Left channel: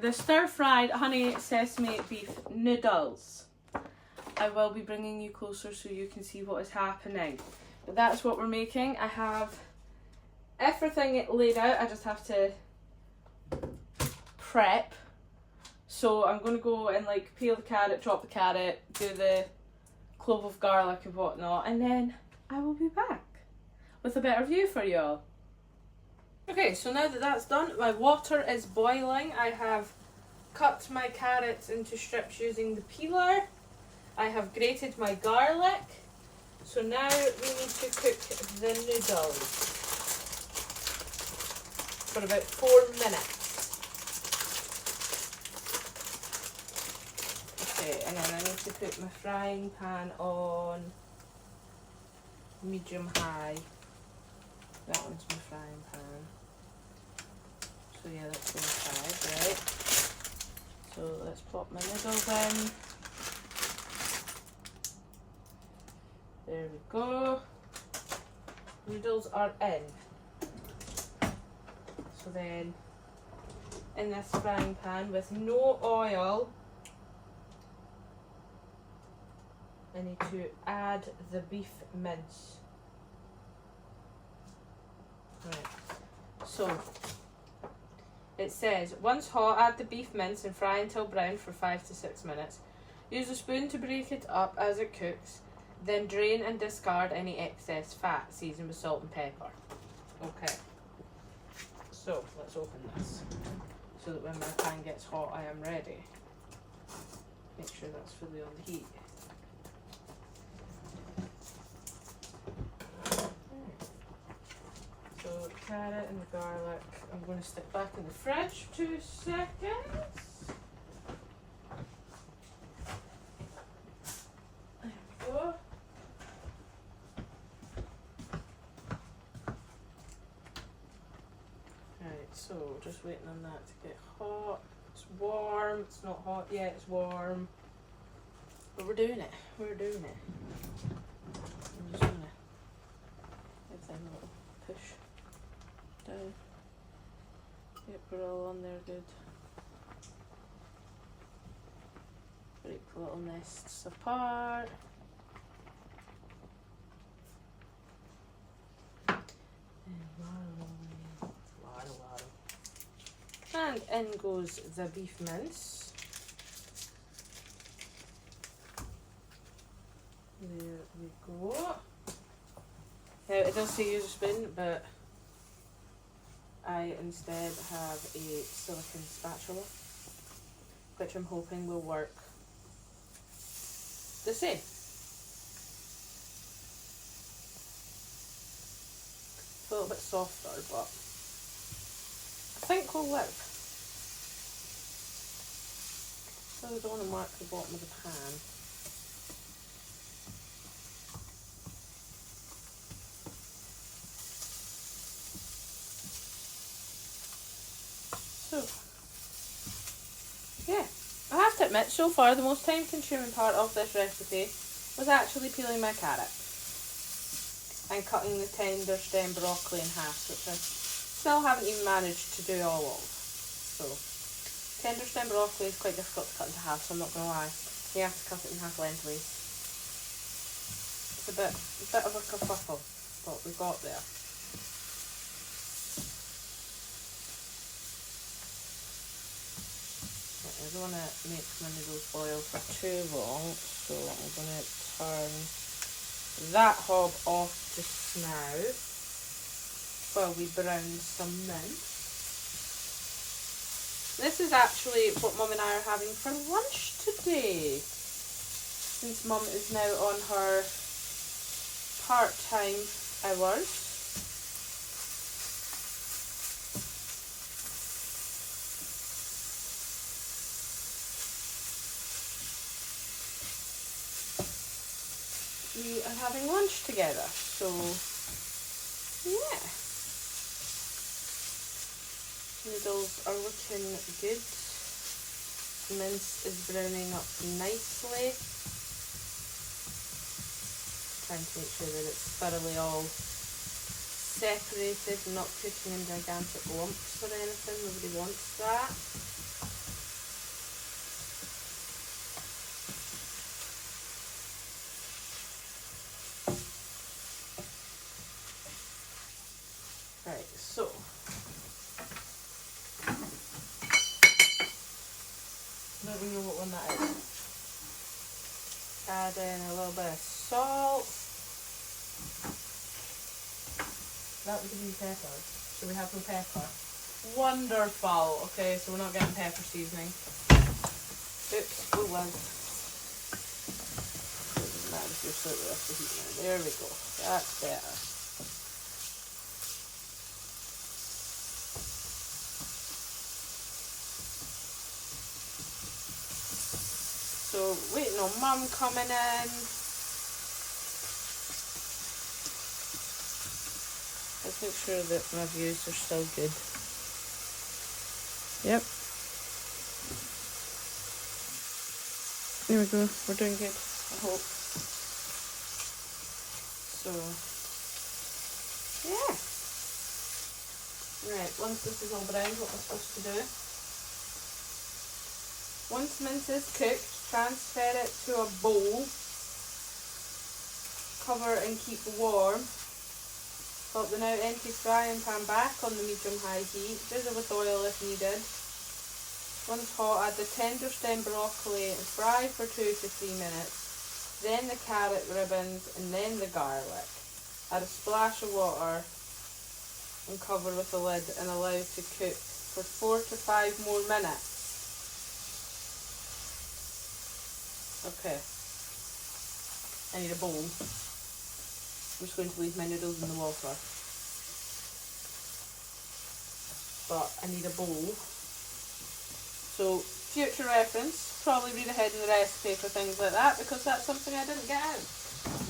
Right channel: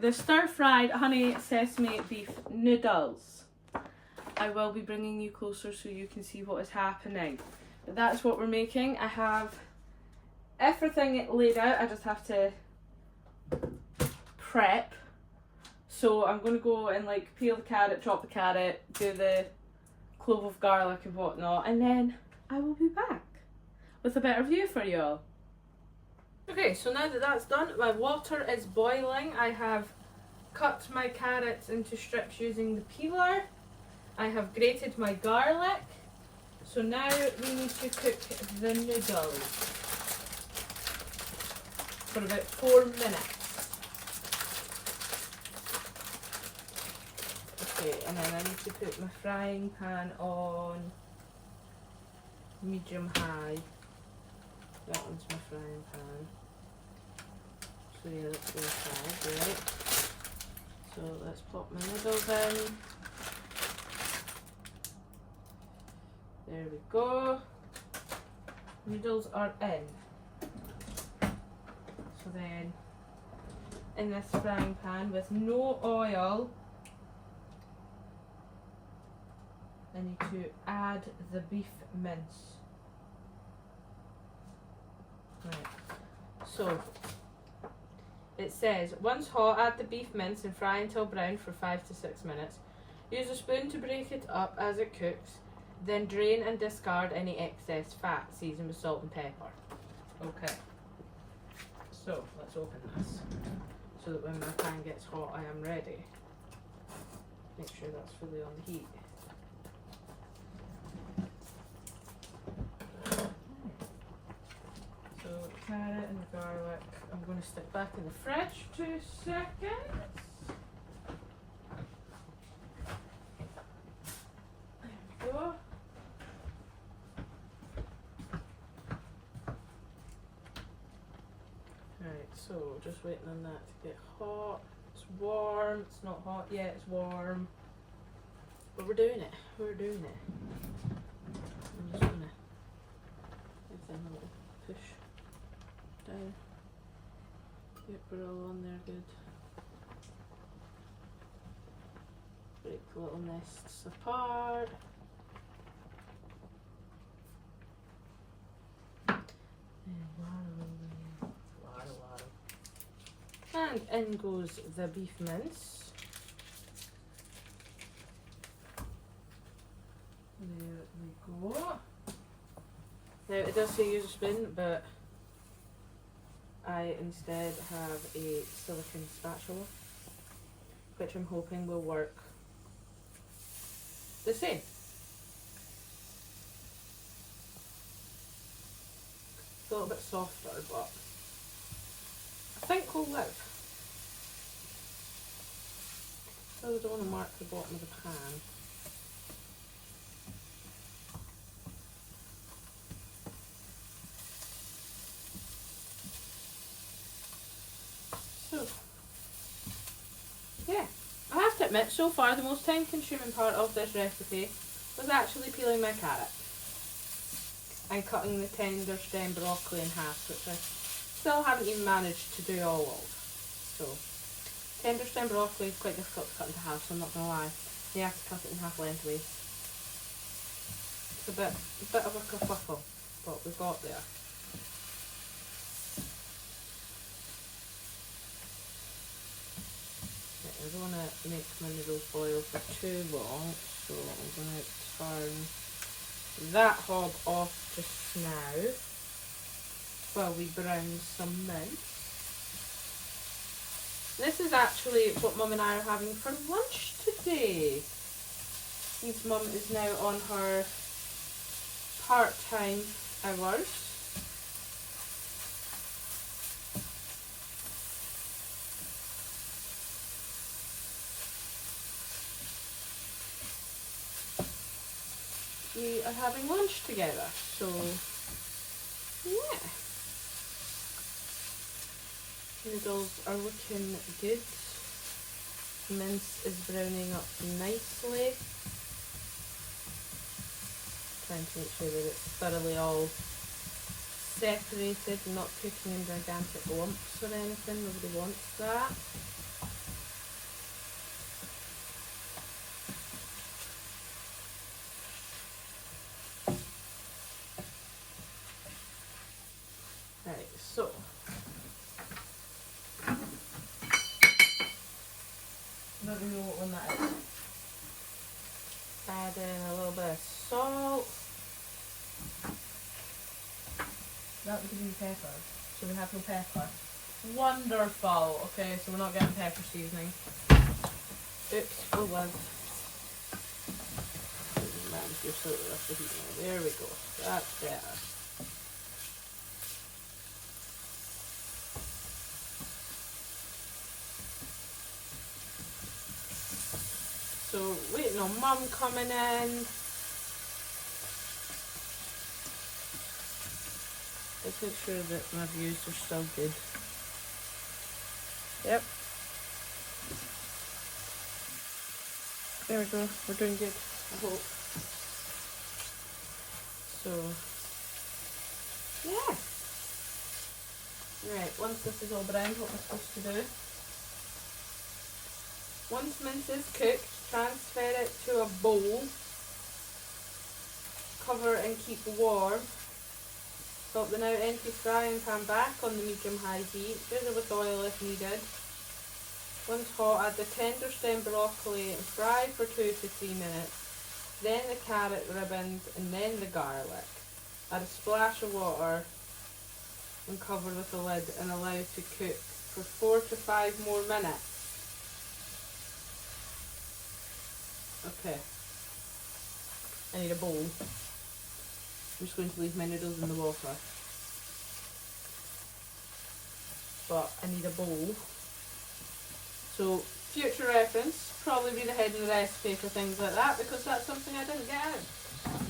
the stir-fried honey sesame beef noodles. I will be bringing you closer so you can see what is happening. But that's what we're making. I have everything laid out. I just have to prep. So I'm going to go and like peel the carrot, chop the carrot, do the clove of garlic and whatnot, and then I will be back with a better view for you all. Okay, so now that that's done, my water is boiling. I have cut my carrots into strips using the peeler. I have grated my garlic. So now we need to cook the noodles for about 4 minutes. Okay, and then I need to put my frying pan on medium high. That one's my frying pan. So yeah, that's the inside, right? So let's pop my noodles in. There we go. Noodles are in. So then, in this frying pan with no oil, I need to add the beef mince. Right. So, it says, once hot, add the beef mince and fry until brown for 5 to 6 minutes. Use a spoon to break it up as it cooks. Then drain and discard any excess fat. Season with salt and pepper. Okay. So, let's open this. So that when my pan gets hot, I am ready. Make sure that's fully on the heat. So, the carrot and the garlic, I'm going to stick back in the fridge for 2 seconds. There we go. Right, so just waiting on that to get hot. It's warm, it's not hot yet, it's warm. But we're doing it, we're doing it. I'm just going to give them a little push down. Yep, we're all on there good. Break the little nests apart. And in goes the beef mince. There we go. Now it does say use a spoon, but I instead have a silicone spatula, which I'm hoping will work the same. It's a little bit softer, but I think we'll live. So we don't want to mark the bottom of the pan. So, yeah, I have to admit, so far the most time consuming part of this recipe was actually peeling my carrot and cutting the tender stem broccoli in half, which I still haven't even managed to do all of. So, tender stem broccoli is quite difficult to cut into half, so I'm not going to lie. You have to cut it in half lengthways. It's a bit of a kerfuffle, but we got there. I don't want to make my noodles boil for too long, so I'm going to turn that hob off just now while we brown some mince. This is actually what Mum and I are having for lunch today, since Mum is now on her part-time hours. We are having lunch together, so yeah. Noodles are looking good. Mince is browning up nicely. Trying to make sure that it's thoroughly all separated and not cooking in gigantic lumps or anything. Nobody wants that. That would be pepper. So we have no pepper. Wonderful. Okay, so we're not getting pepper seasoning. Oops, oh well. There we go. That's better. So waiting on Mum coming in. Let's make sure that my views are still good. Yep. There we go. We're doing good, I hope. So, yeah. Right, once this is all browned, what we're supposed to do. Once mince is cooked, transfer it to a bowl. Cover and keep warm. Put the now empty frying pan back on the medium-high heat. Drizzle with oil if needed. Once hot, add the tender stem broccoli and fry for 2 to 3 minutes. Then the carrot ribbons and then the garlic. Add a splash of water and cover with a lid and allow to cook for 4 to 5 more minutes. Okay. I need a bowl. I'm just going to leave my noodles in the water. But I need a bowl. So, future reference, probably read ahead in the recipe for things like that, because that's something I didn't get out.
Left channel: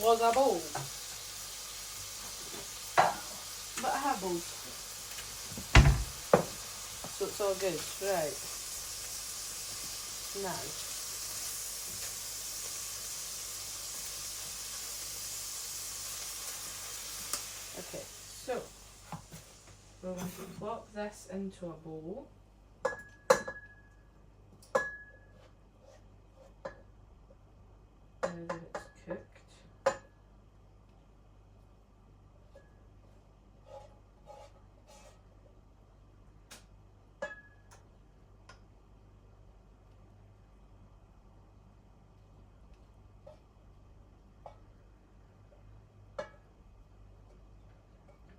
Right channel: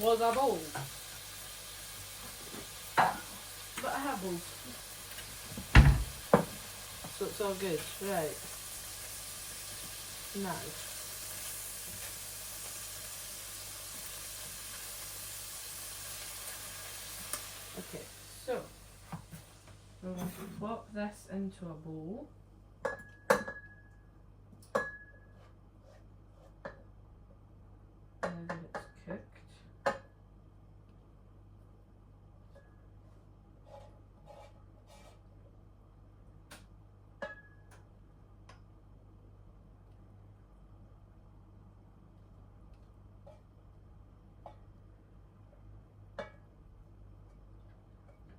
Was a bowl. But I have bowls. So it's all good. Right. Now. Okay, so we're going to plop this into a bowl. Now that it's cooked.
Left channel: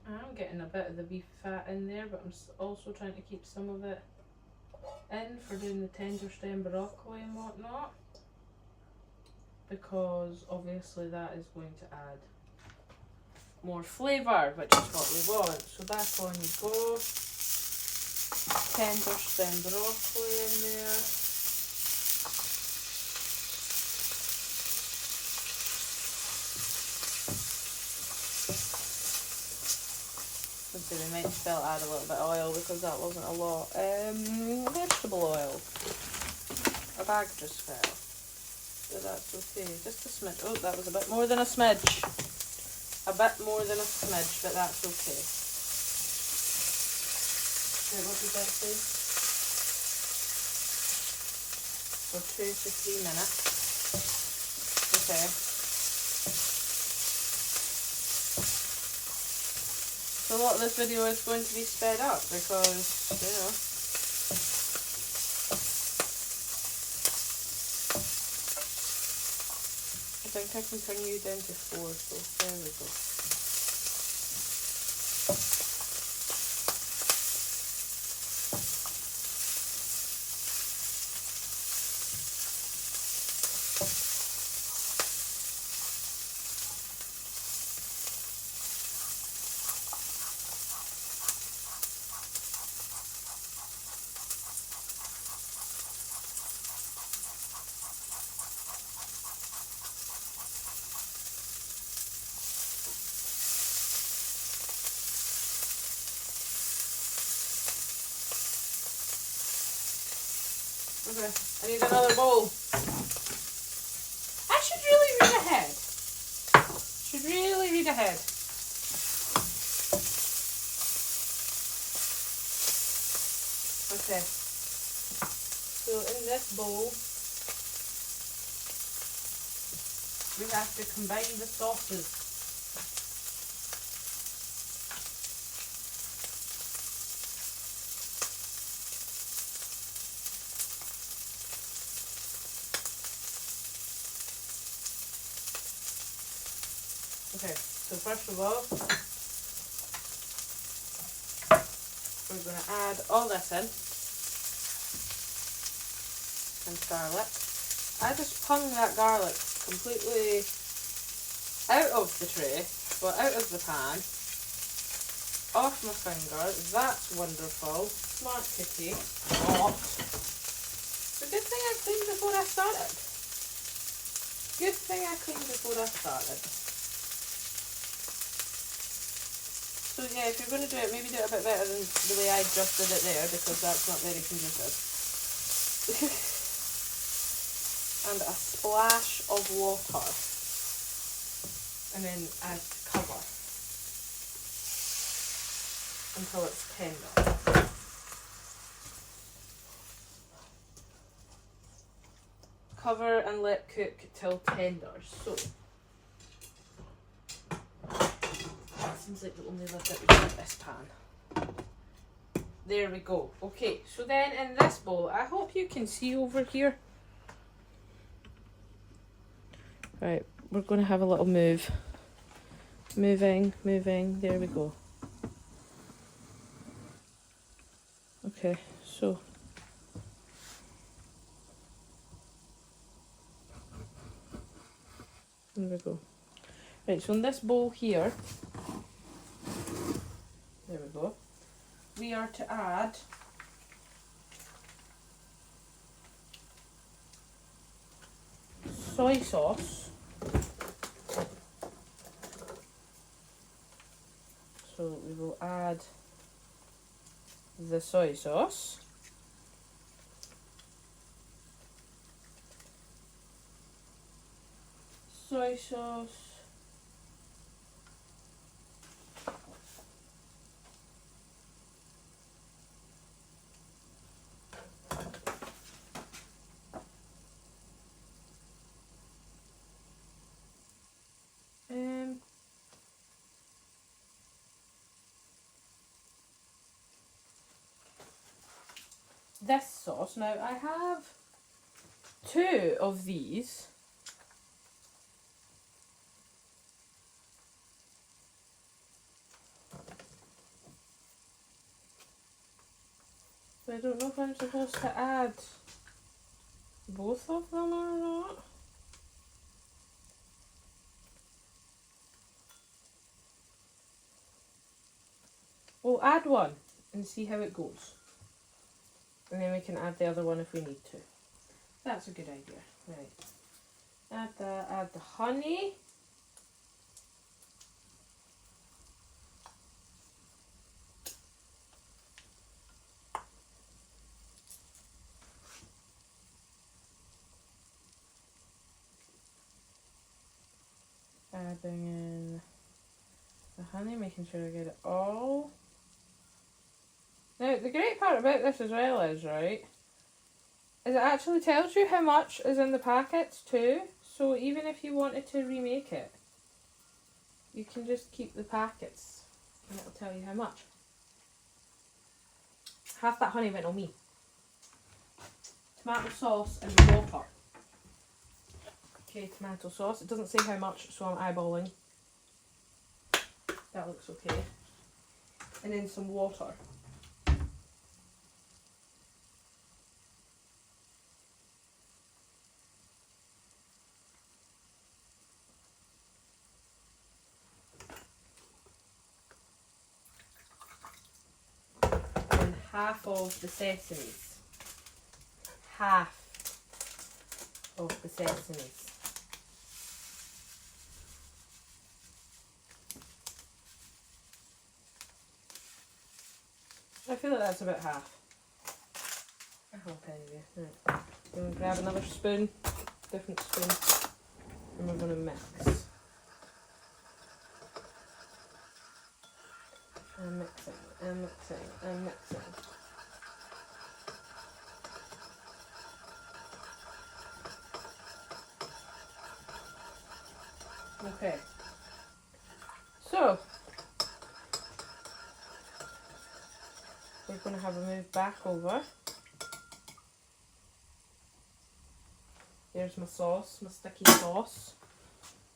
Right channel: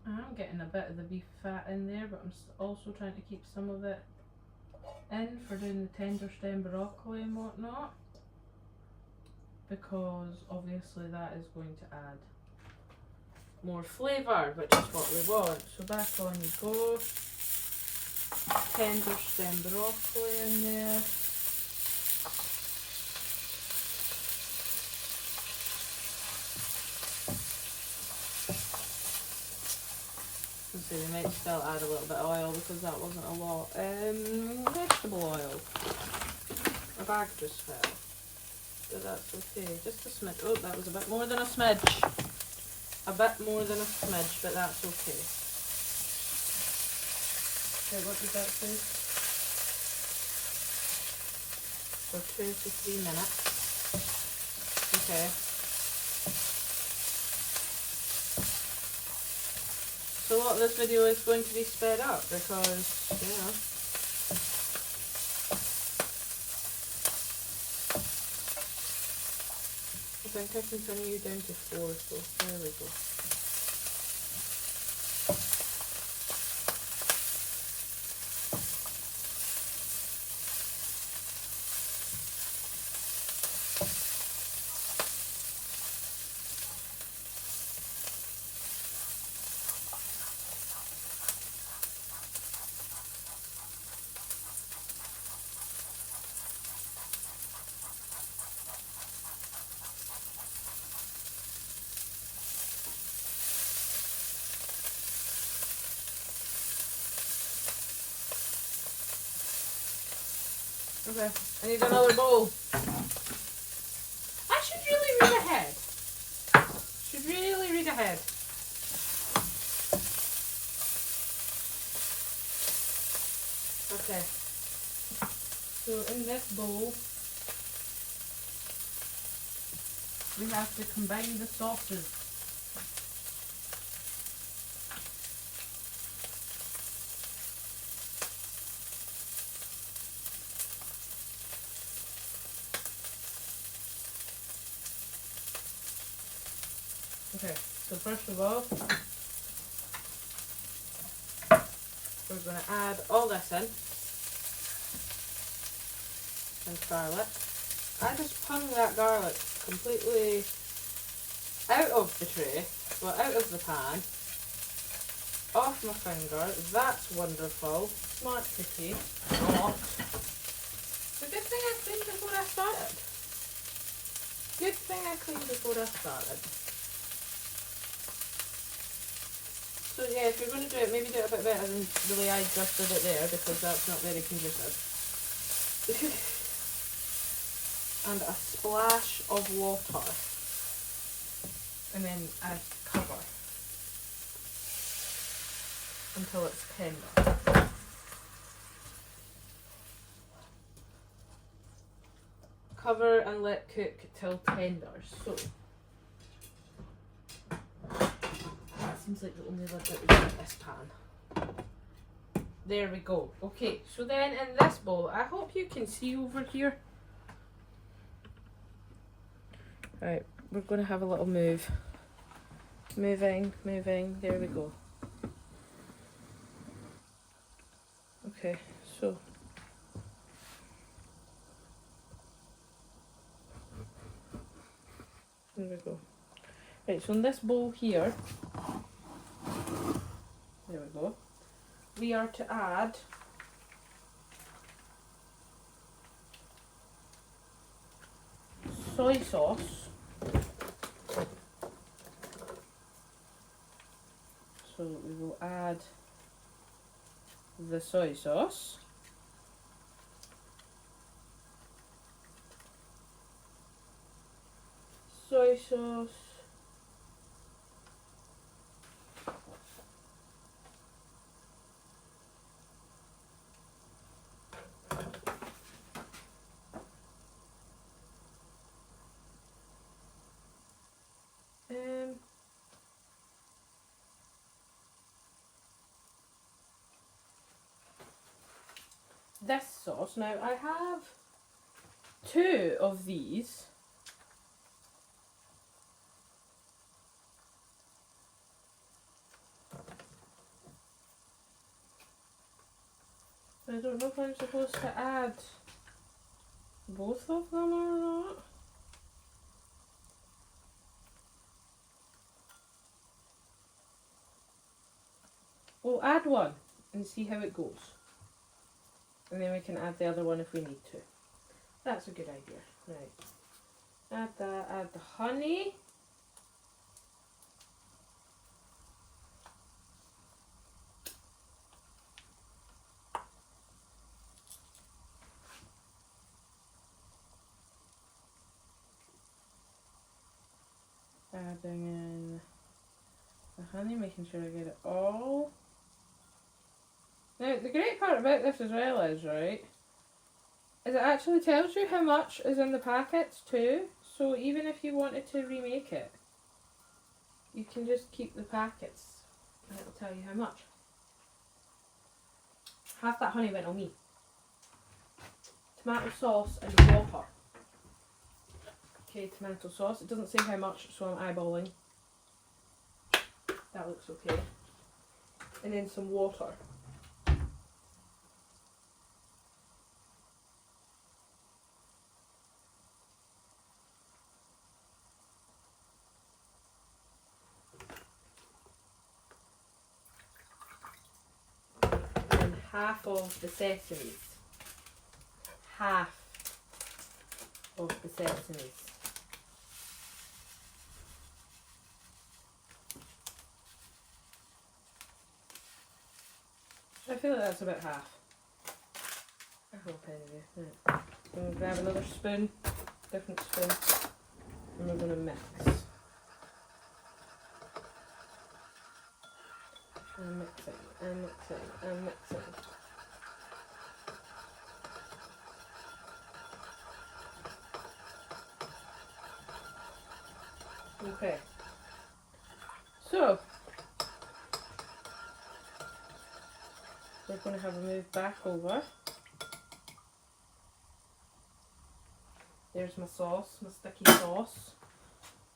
I'm getting a bit of the beef fat in there, but I'm also trying to keep some of it in for doing the tender stem broccoli and whatnot, because obviously that is going to add more flavour, which is what we want. So back on you go. Tender stem broccoli in there. So we might still add a little bit of oil because that wasn't a lot. Vegetable oil. A bag just fell. So that's okay. Just a smidge. Oh, that was a bit more than a smidge. A bit more than a smidge, but that's okay. Okay, what does that say? For 2 to 3 minutes. Okay. So a lot of this video is going to be sped up because, you know, I think I can bring you down to 4, so there we go. Okay, I need another bowl. I should really read ahead. Should really read ahead. Okay. So in this bowl, we have to combine the sauces. Okay, so first of all, So we're going to add all this in. And garlic. I just hung that garlic completely out of the tray, well out of the pan, off my finger. That's wonderful. Smart cookie. Not. It's a good thing I cleaned before I started. Good thing I cleaned before I started. So yeah, if you're going to do it, maybe do it a bit better than the way I just did it there, because that's not very conducive. And a splash of water. And then I cover until it's tender. Cover and let cook till tender. So that seems like the only lid that we get in this pan. There we go. Okay, so then in this bowl, I hope you can see over here. Right, we're going to have a little move. Moving, there we go. Okay, so there we go. Right, so in this bowl here, there we go, we are to add soy sauce. So we will add the soy sauce. Soy sauce. This sauce. Now I have 2 of these. I don't know if I'm supposed to add both of them or not. We'll add one and see how it goes. And then we can add the other one if we need to. That's a good idea. Right. Add that, add the honey. Adding in the honey, making sure I get it all. Now, the great part about this as well is, right, is it actually tells you how much is in the packets too. So even if you wanted to remake it, you can just keep the packets and it'll tell you how much. Half that honey went on me. Tomato sauce and water. Okay, tomato sauce. It doesn't say how much, so I'm eyeballing. That looks okay. And then some water. And half of the sesames. Half of the sesames. I feel like that's about half. I hope anyway. Right. We're going to grab another spoon, different spoon, and we're going to mix. And mixing, and mixing, and mixing. Okay. So, we're going to have a move back over. There's my sauce, my sticky sauce.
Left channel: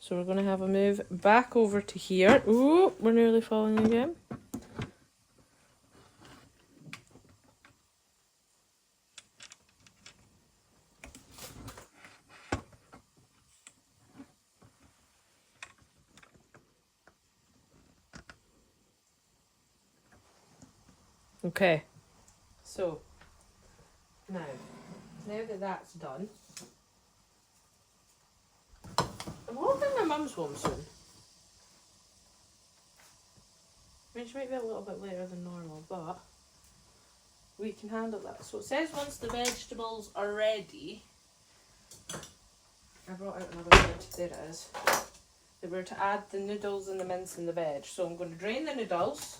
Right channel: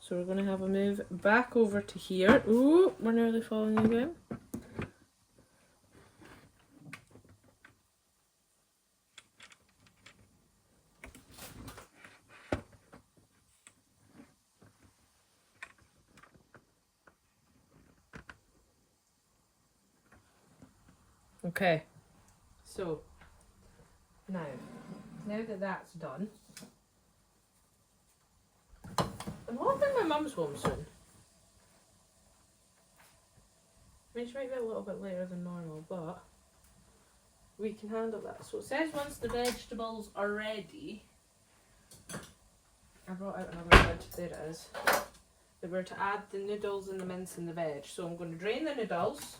So we're going to have a move back over to here. Ooh, we're nearly falling again. Okay, so now that that's done, I'm hoping my mum's home soon. I mean, she might be a little bit later than normal, but we can handle that. So it says once the vegetables are ready, I brought out another lid, there it is, that we're to add the noodles and the mince and the veg. So I'm going to drain the noodles.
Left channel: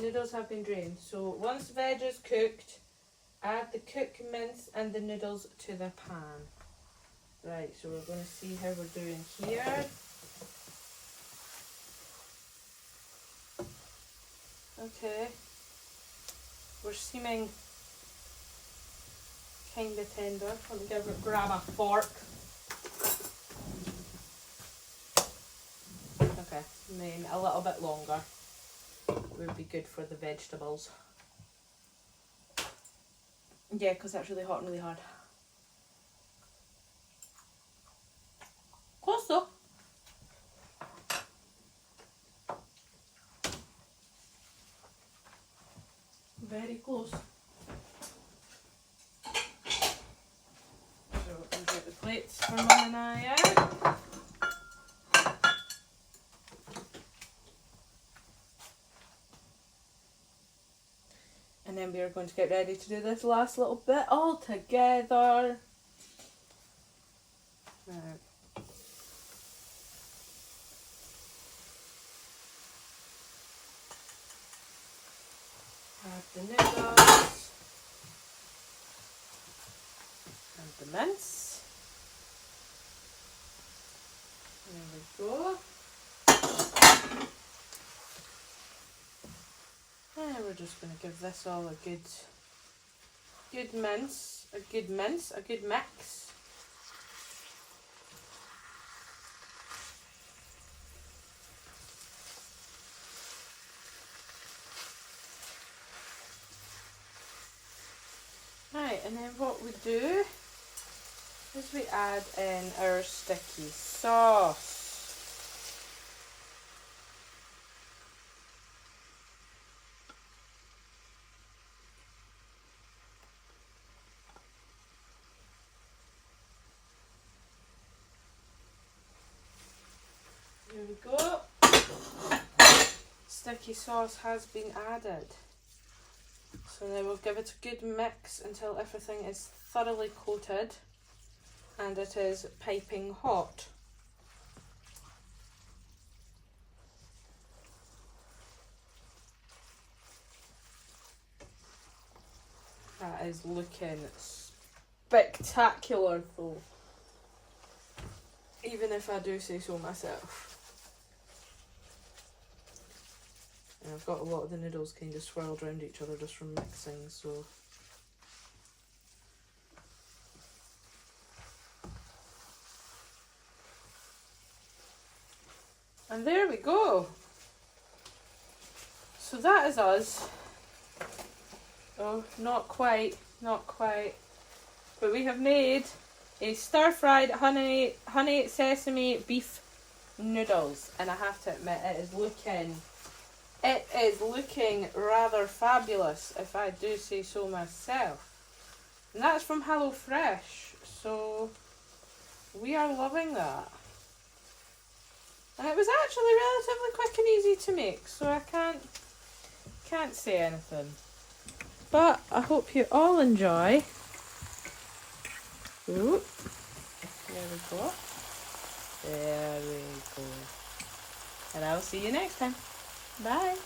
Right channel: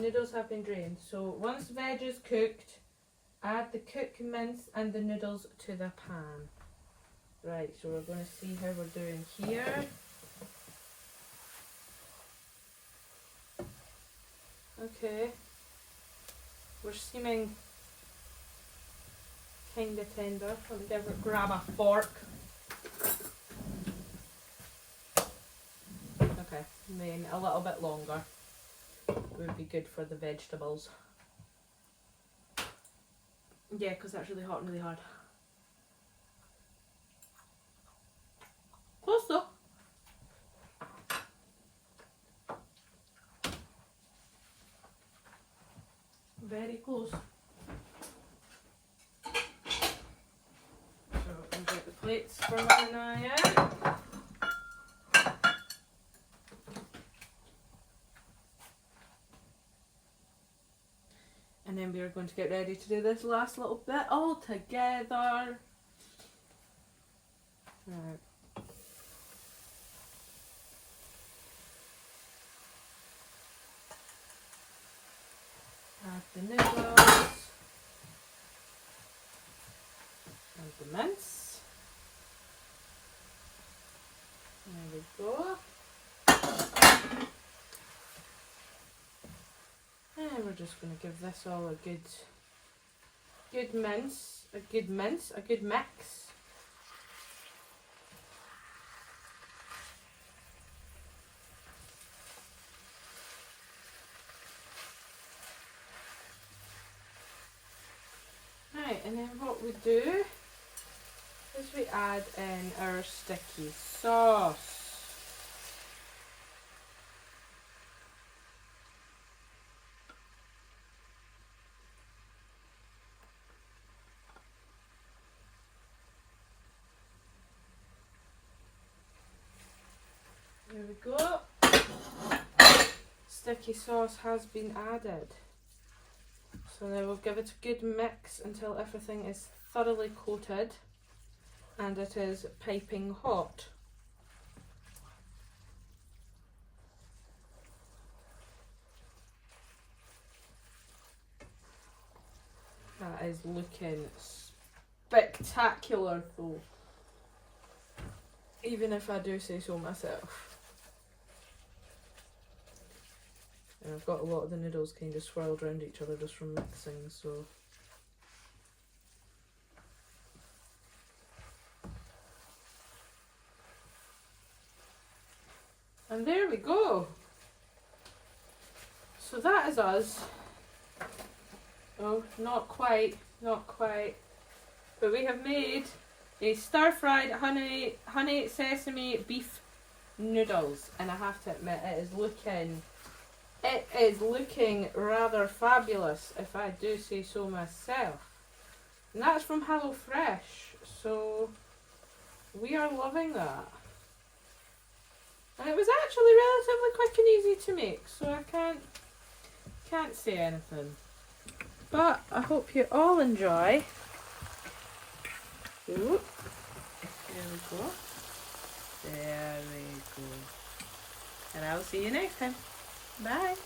Noodles have been drained. So once the veg is cooked, add the cooked mince and the noodles to the pan. Right, so we're going to see how we're doing here. Okay, we're seeming kind of tender. Let me grab a fork. Okay, and then a little bit longer would be good for the vegetables. Yeah, because that's really hot and really hard. Close though. Very close. So I'll get the plates for Mum and I out. And then we are going to get ready to do this last little bit all together. Right. Add the noodles and the mince. There we go. And we're just going to give this all a good mix. Right, and then what we do is we add in our sticky sauce. There we go. Sticky sauce has been added. So now we'll give it a good mix until everything is thoroughly coated and it is piping hot. That is looking spectacular though, even if I do say so myself. And I've got a lot of the noodles kind of swirled around each other just from mixing, so. And there we go. So that is us. Oh, not quite. But we have made a stir-fried honey sesame beef noodles, and I have to admit it is looking rather fabulous, if I do say so myself. And that's from HelloFresh, so we are loving that. And it was actually relatively quick and easy to make, so I can't say anything. But I hope you all enjoy. Ooh. There we go. There we go. And I'll see you next time. Bye.